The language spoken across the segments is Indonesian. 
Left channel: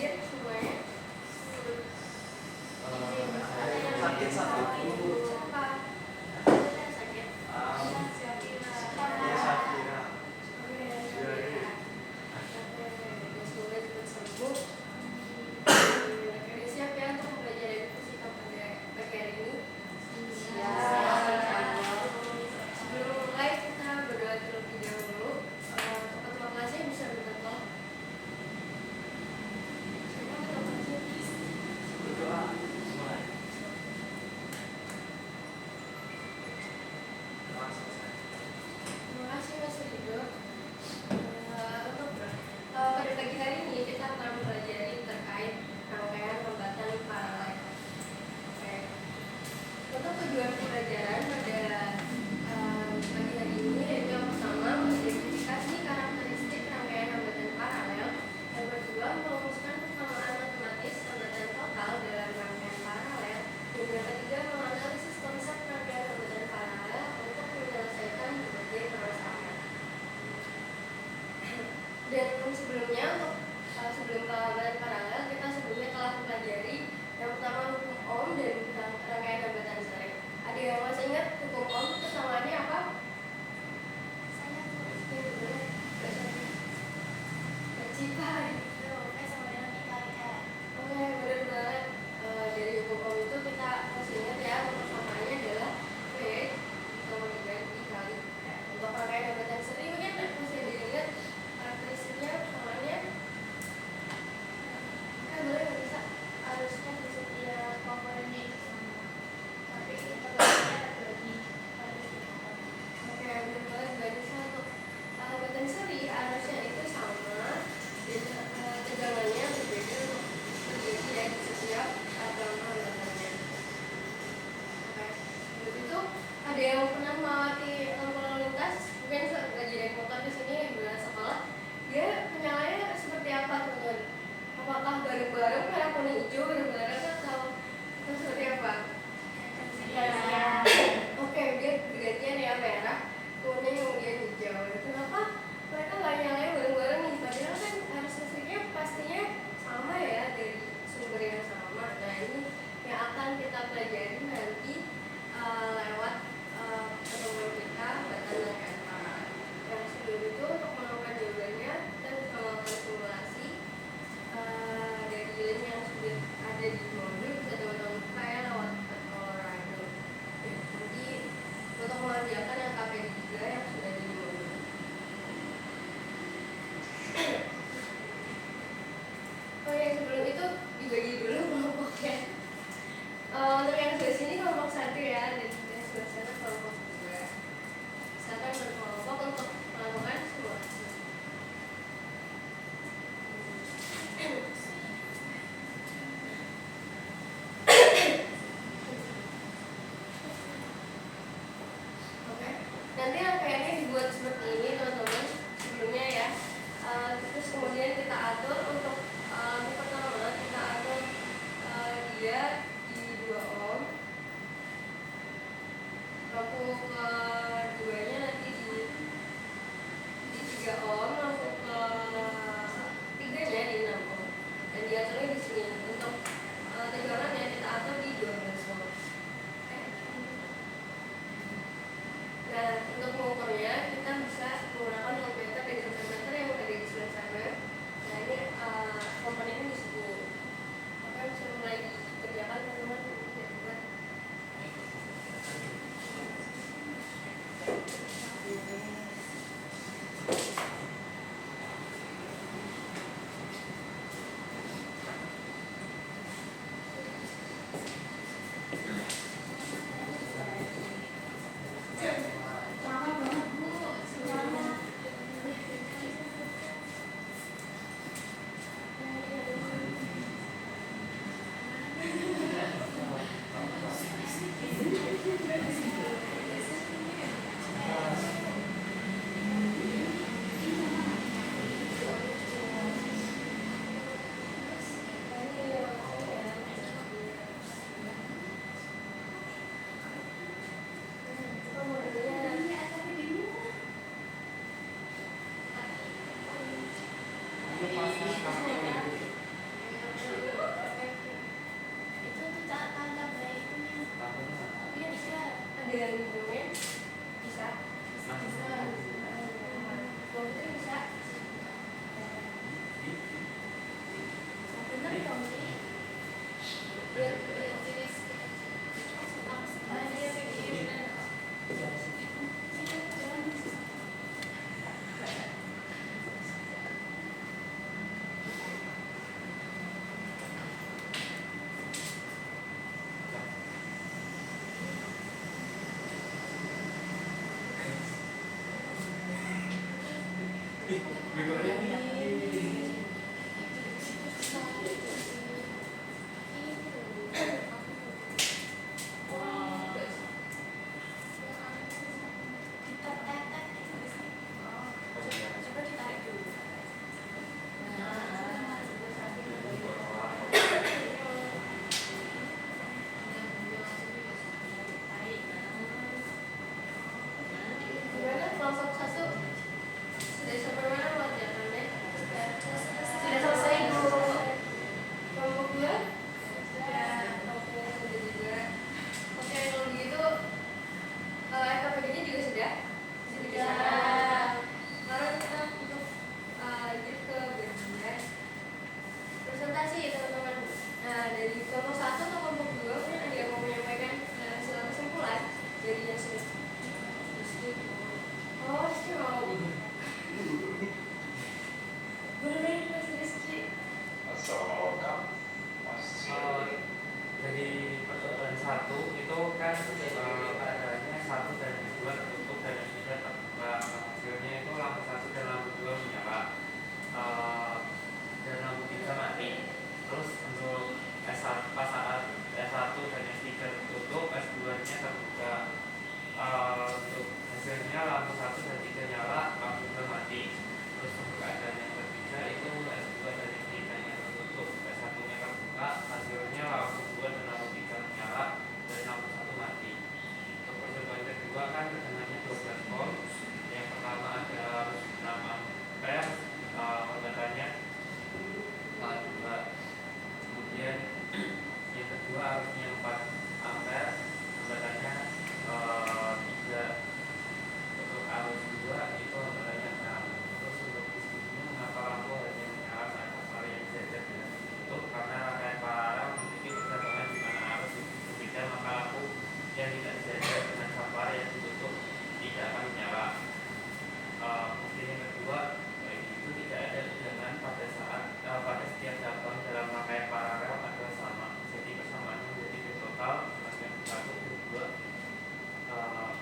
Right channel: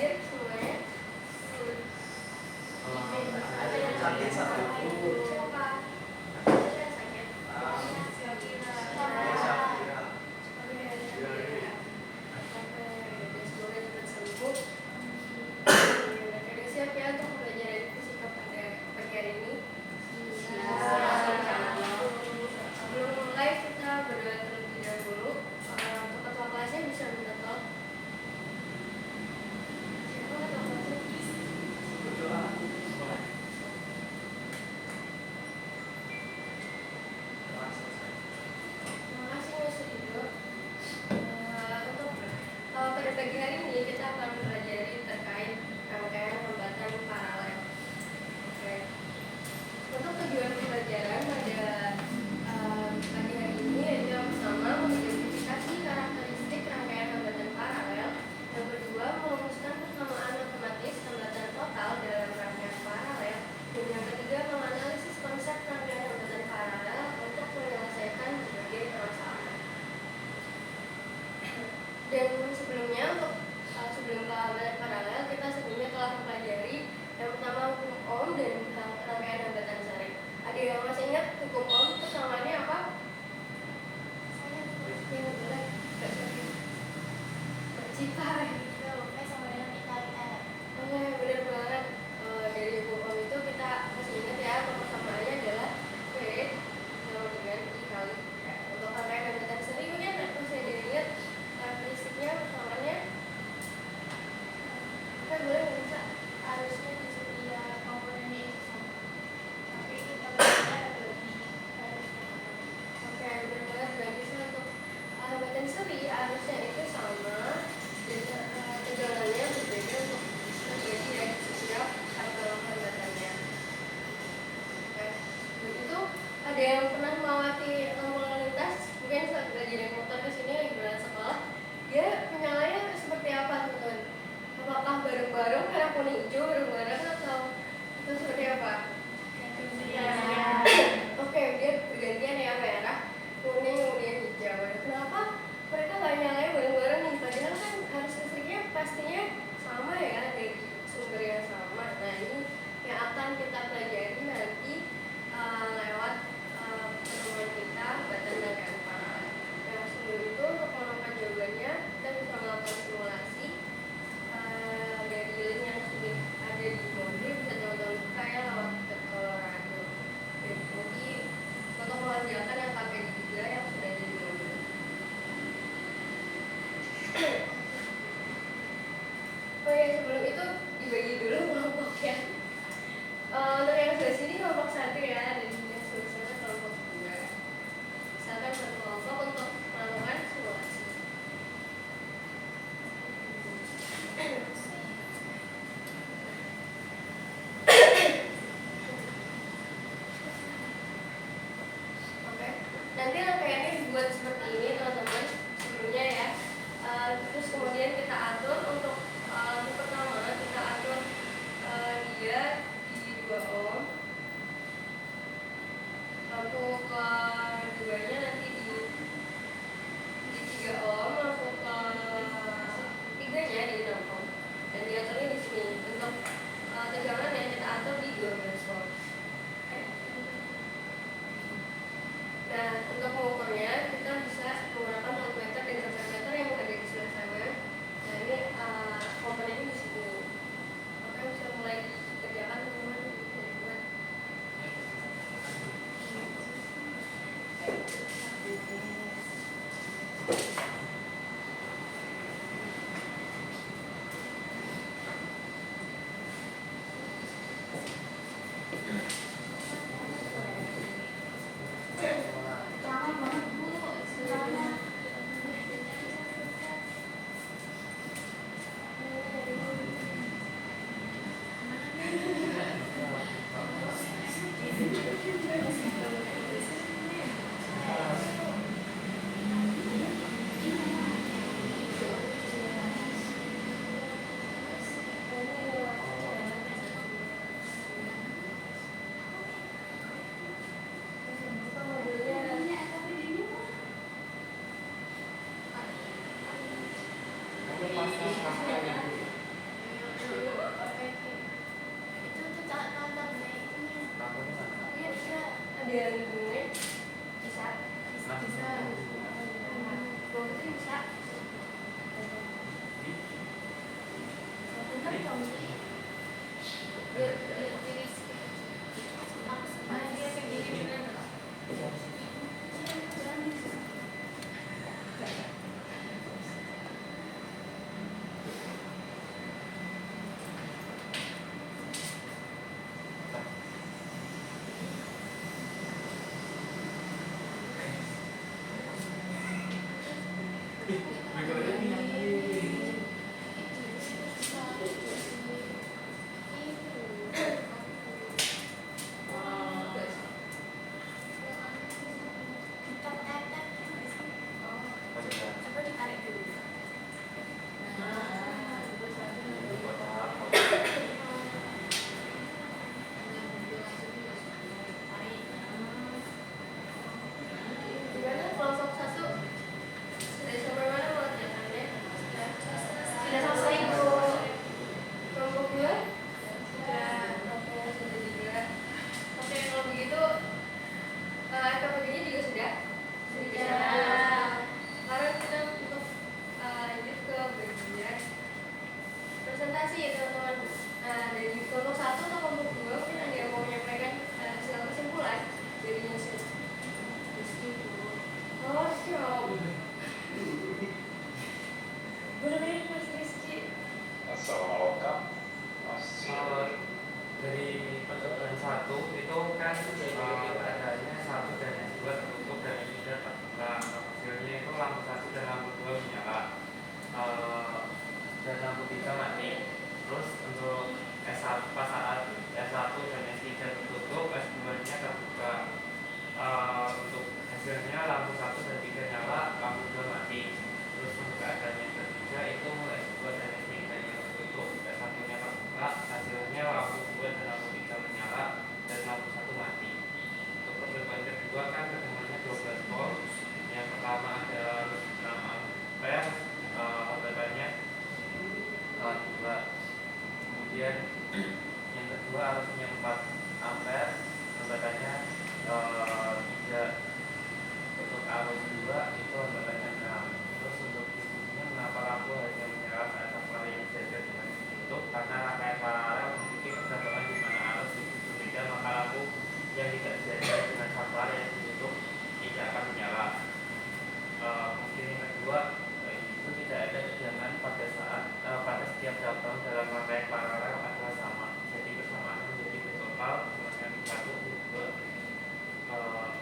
hadir semuanya? Sakit satu. Siapa? Sakit. Semoga cepat sembuh. Oke, siap ya untuk pembelajaran fisika pada pagi hari ini? Sebelum mulai kita berdoa terlebih dahulu. Untuk ketua kelasnya bisa minta tolong. Siapa ketua kelasnya? Berdoa. Terima kasih Mas Rido. Untuk pada pagi hari ini kita akan mempelajari terkait rangkaian hambatan paralel. Oke. Untuk tujuan pembelajaran pada pagi hari ini yaitu yang pertama mengidentifikasi karakteristik rangkaian hambatan paralel, yang kedua merumuskan persamaan matematis hambatan total dalam rangkaian paralel, dan yang ketiga menganalisis konsep rangkaian hambatan paralel untuk menyelesaikan berbagai permasalahan. Dan sebelumnya untuk sebelum ke hambatan paralel kita sebelumnya telah mempelajari yang pertama hukum Ohm dan rangkaian hambatan sering. Ada yang masih ingat hukum Ohm itu samaannya apa? Saya boleh Cipai. Oke, benar banget. Dari hukum Ohm itu kita masih ingat ya, persamaannya adalah V sama dengan I kali R. Untuk rangkaian hambatan sering mungkin masih ada yang ingat karakteristiknya persamaannya? Kan boleh nggak bisa? Harusnya di setiap komponennya itu sama, tapi kita belajar bagi pada sekarang. Oke, benar banget. Bagi satu hambatan seri harusnya itu sama, dan tegangannya berbeda untuk terjadi ya di setiap hambatannya. Oke, jadi itu ada yang pernah melewati lampu lalu lintas? Mungkin saat belajar naik motor ke sini di bulan sekolah, dia menyalanya seperti apa teman-teman? Apakah bareng-bareng merah kuning hijau bareng-bareng atau itu seperti apa? Oke, dia bergantian ya merah, kuning, kemudian hijau. Kenapa mereka nggak nyalain bareng-bareng nih? Padahal kan harus listriknya pastinya sama ya, dari sumber yang sama. Nah ini yang akan kita pelajari nanti lewat pertemuan kita hambatan rangkaian paralel. Nah sebelum itu untuk menemukan jawabannya kita bisa melakukan simulasi dari link yang sudah ada di modul, bisa teman-teman buka ya lewat Colorado. Dan nanti untuk mengerjakan yang KPD juga yang sudah ada di modul. Oh ya, sebelum itu dibagi dulu kelompoknya. Untuk yang sebelah sini kelompok 1 ya, dan yang sebelah sana kelompok 2. Misalkan berkelompok untuk melakukan simulasi. Oke, nanti rangkaiannya dibuat seperti ini teman-teman sebelumnya ya. Terus kemudian kita atur untuk pertama kita atur dia di 2 ohm, lampu keduanya nanti di 3 ohm, lampu ketiganya di 6 ohm, dan diaturnya di sini. Untuk tegangannya kita atur di 12 volt. Oke. Nah untuk mengukurnya kita bisa menggunakan voltmeter dan ampermeter yang ada di sebelah sana. Nah ini komponennya di sini. Maka bisa mulai dikerjakan biar diri dia begini kita tetek coba ditarik dulu Gimana kelompok 1 sudah sampai mana mengerjakannya? Sudah selesai Bu. Kelompok 2 sudah juga. Oke, kalau begitu KPD-nya juga sudah. Sekarang kita untuk lanjut ke bagian presentasi ya teman-teman. Nah, dari kelompok 1 atau kelompok 2 mungkin ada yang mau menyampaikan hasil kesimpulan dari hasil. Oh, Rizky mau. Boleh Mas Rizky. Assalamualaikum. Masih Dari pertemuan 1 itu kan adanya 1 dan yang 2 tertutup dan yang 3 terbuka. Hasilnya itu lampu 1 dan lampu 2 menyala, dan lampu 3 mati. Terus untuk S1 pas saat S1 dan S3 tertutup, S2 nya terbuka. Untuk hasilnya lampu 1 dan 3 nyala, lampu 2 mati. Terus untuk keadaan yang ketiga itu S2 dan S3 nya tertutup, S1 nya terbuka, hasilnya lampu 2 dan lampu 3 menyala dan lampu 1 mati. Untuk pertemuan kedua kan tegangannya 12 volt. Yang pertama adalah 6 ampere, hambatannya 2. Kemudian yang kedua arusnya 4 ampere, hambatannya 3. Untuk arus 2 itu hambatannya 6. Terus untuk diskusinya mengapa lampu hanya menyala saat pasang yang sejajar dengan ditutup, karena rangkaian paralel memiliki kecenderungan di mana arus itu berbeda, maka lampu yang tidak sejajar dengan sampar yang ditutup tidak akan menyala. Kemudian yang kedua, itu tidak ada tegangan pada saat pada setiap cabang dalam rangkaian paralel adalah sama. Jadi persamaannya menjadi V total sama dengan V1, V2,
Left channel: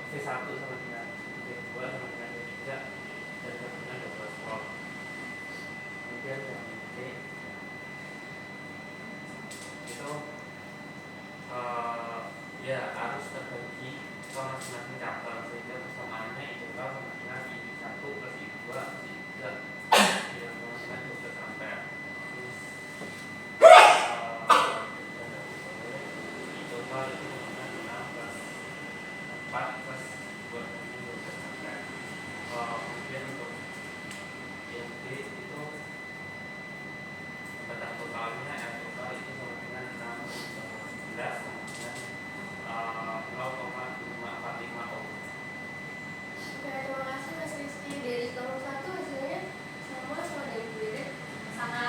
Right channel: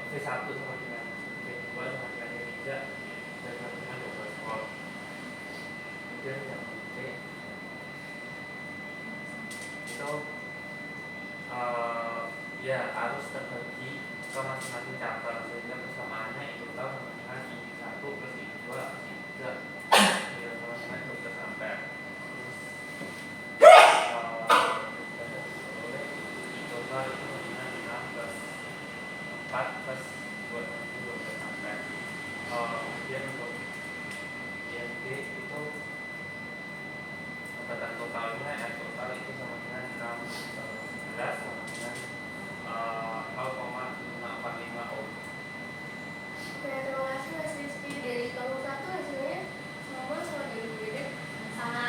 V1 sama dengan V2 sama dengan V3 dan sama dengan 12 volt. Kemudian yang B itu ya arus terbagi ke masing-masing cabang sehingga persamaannya itu sama dengan I1 plus I2 plus I3 yang sama dengan 12 ampere. I total itu sama dengan 6 plus 4 plus 12 ampere. Kemudian untuk yang B itu pada totalnya R total itu sama dengan 6 sama dengan 0,545 ohm. Oke, terima kasih Mas Rizky. Dari kelompok 1 hasilnya sama ada yang berbeda? sama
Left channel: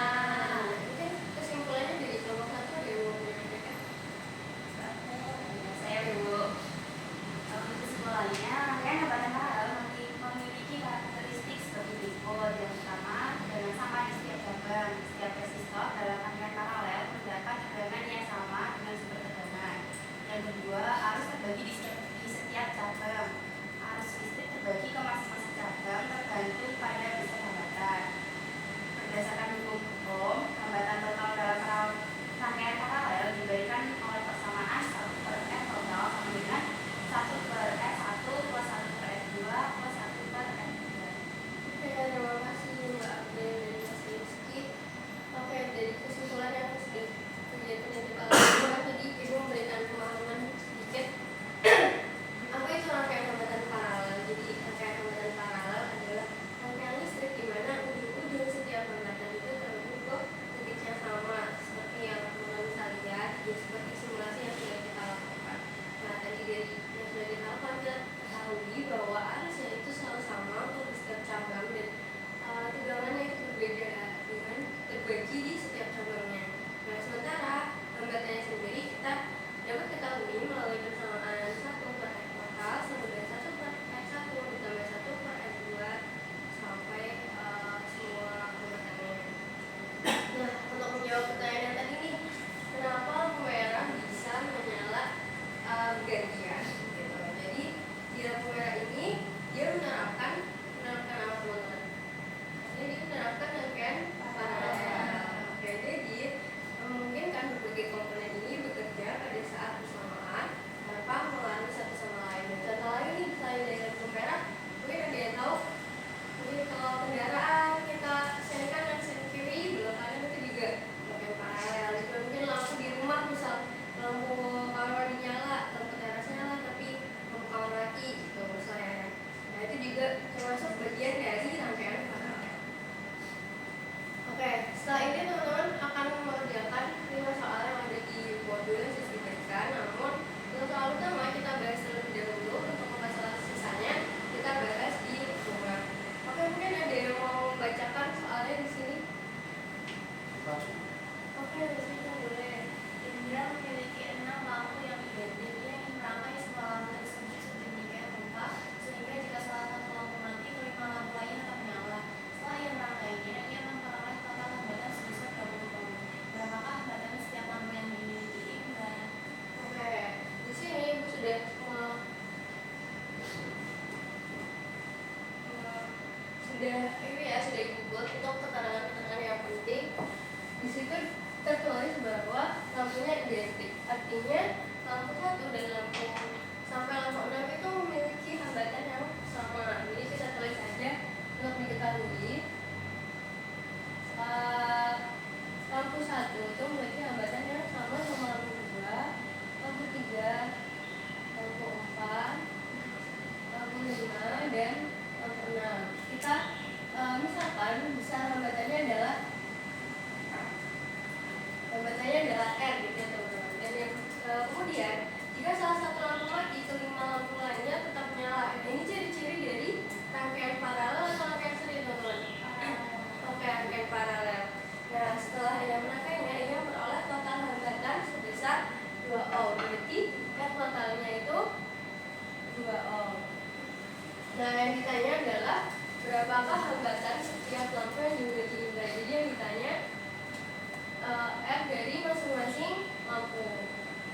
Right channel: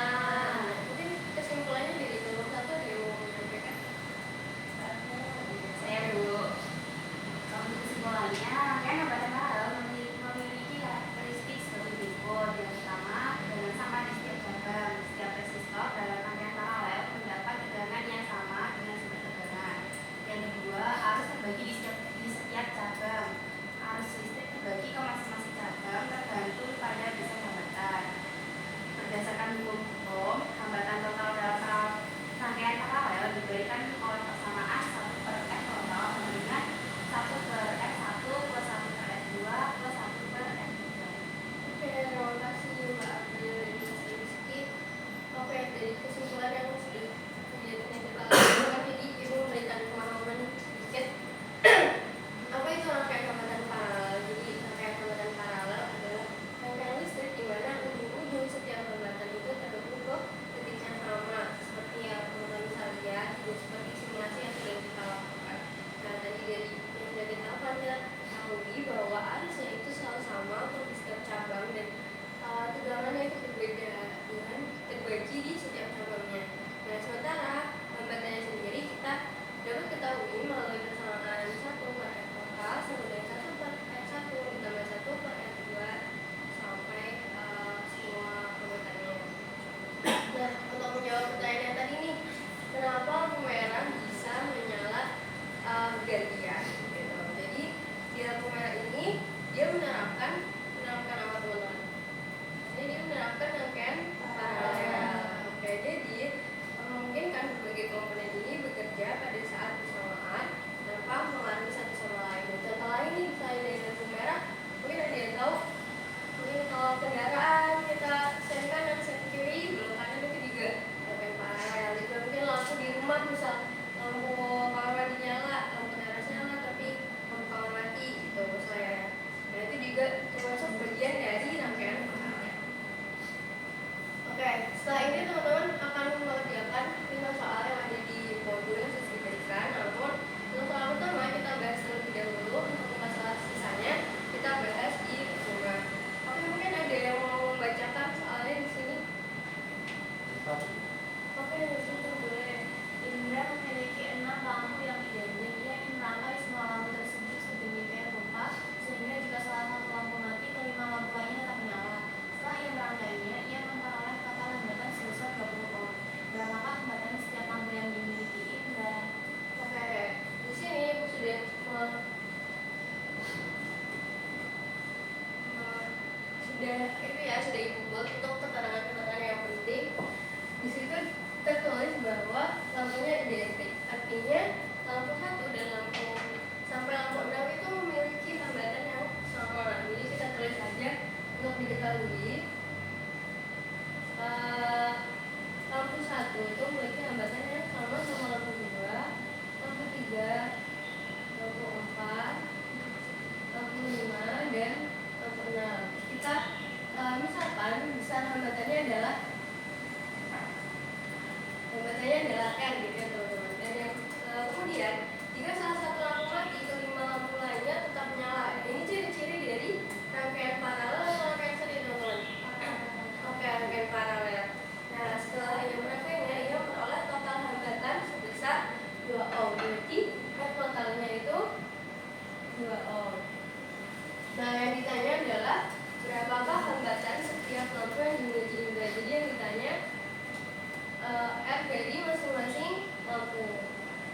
Mungkin kesimpulannya dari kelompok 1 ada yang mau menyampaikan? saya dulu kesimpulannya rangkaian hambatan paralel memiliki karakteristik sebagai berikut. Yang pertama, dengan sama di setiap cabang, setiap resistor dalam rangkaian paralel 1 dan lampu sampai lampu 6 itu memiliki hambatan yang sama. Jadi kita tulis saja untuk diketahui. Lampu 1 itu memiliki hambatan yang sama sama lampu 2, lampu 3, lampu 4, lampu 5, dan lampu 6. Kita misalkan bisa hambatannya adalah R gitu ya teman-teman. Dan yang kemudian jika salah satu lampu mati, kelima lampu lainnya tetap menyala. Ini ciri-ciri dari rangkaian paralel atau rangkaian seri teman-teman. Oke, rangkaian paralel. Nah, setelah ia merangkainya, ia memperoleh total hambatan sebesar 2 ohm. Berarti R totalnya itu 2 ohm. Nah, yang ditanya adalah berapakah hambatan setiap lampu yang dimiliki Indra. Jadi yang ditanya R dari masing-masing lampu.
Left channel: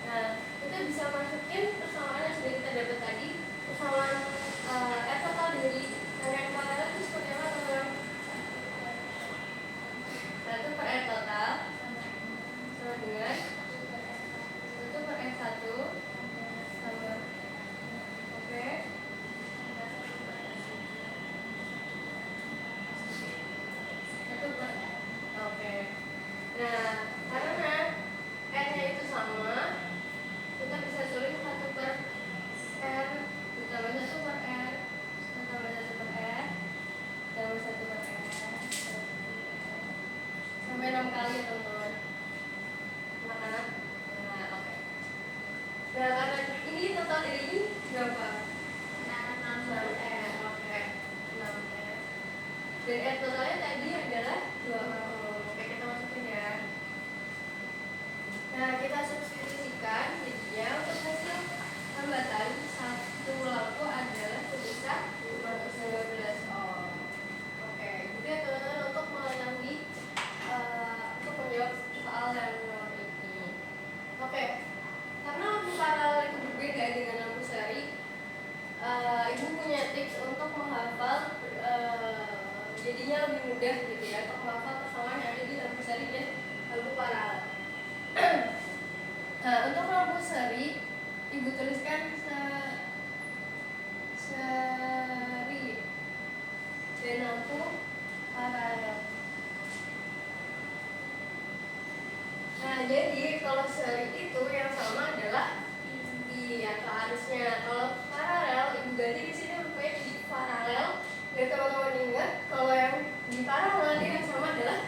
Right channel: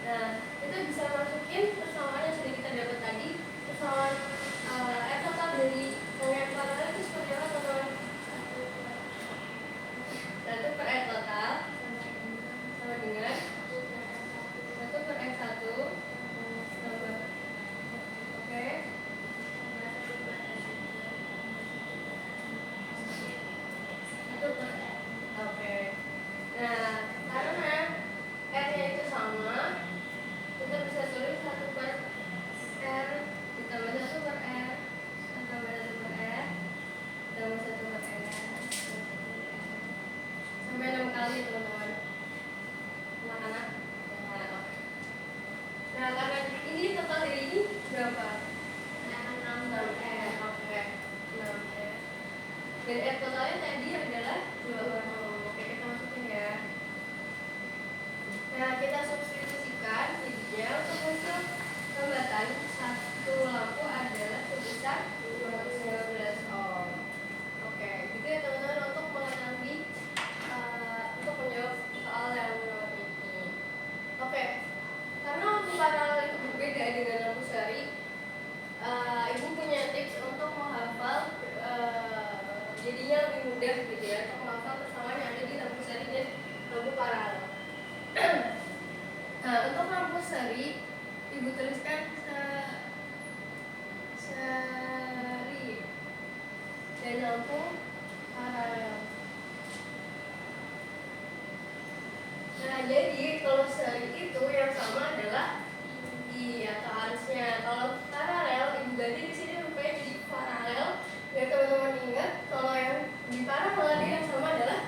Nah, kita bisa masukin persamaan yang sudah kita dapat tadi. Persamaan R total dari rangkaian paralel itu seperti apa teman-teman? 1 per R total sama dengan 1 per R1 tambah. Oke. 1 per R. Oke. Nah, karena R-nya itu sama, kita bisa tulis 1 per R ditambah 1 per R tambah 1 per R tambah 1 per R sampai 6 kali ya teman-teman. Anak-anak. Nah, oke. Nah, karena ini total dari ini berapa? 6R. Oke. 6R. Dan R totalnya tadi adalah 2 ohm. Oke, kita masukin ya. Nah, kita substitusikan jadinya untuk hasil hambatan satu lampu adalah sebesar 212 ohm. Oke, gitu ya teman-teman untuk mengetahui untuk menjawab soal yang nomor ini. Oke, karena lampu paralel itu berbeda dengan lampu seri, ibu punya tips untuk menghafal jadinya lebih mudah gitu ya, untuk menghafal persamaan yang ada di lampu seri dan lampu paralel. Untuk lampu seri, ibu tuliskan seri dan lampu paralel. Nah, jadi kalau seri itu yang sama adalah I atau arusnya. Kalau paralel, ibu ganti di sini rupanya jadi paralel. Biar teman-teman ingat, kalau yang di paralel dia yang sama adalah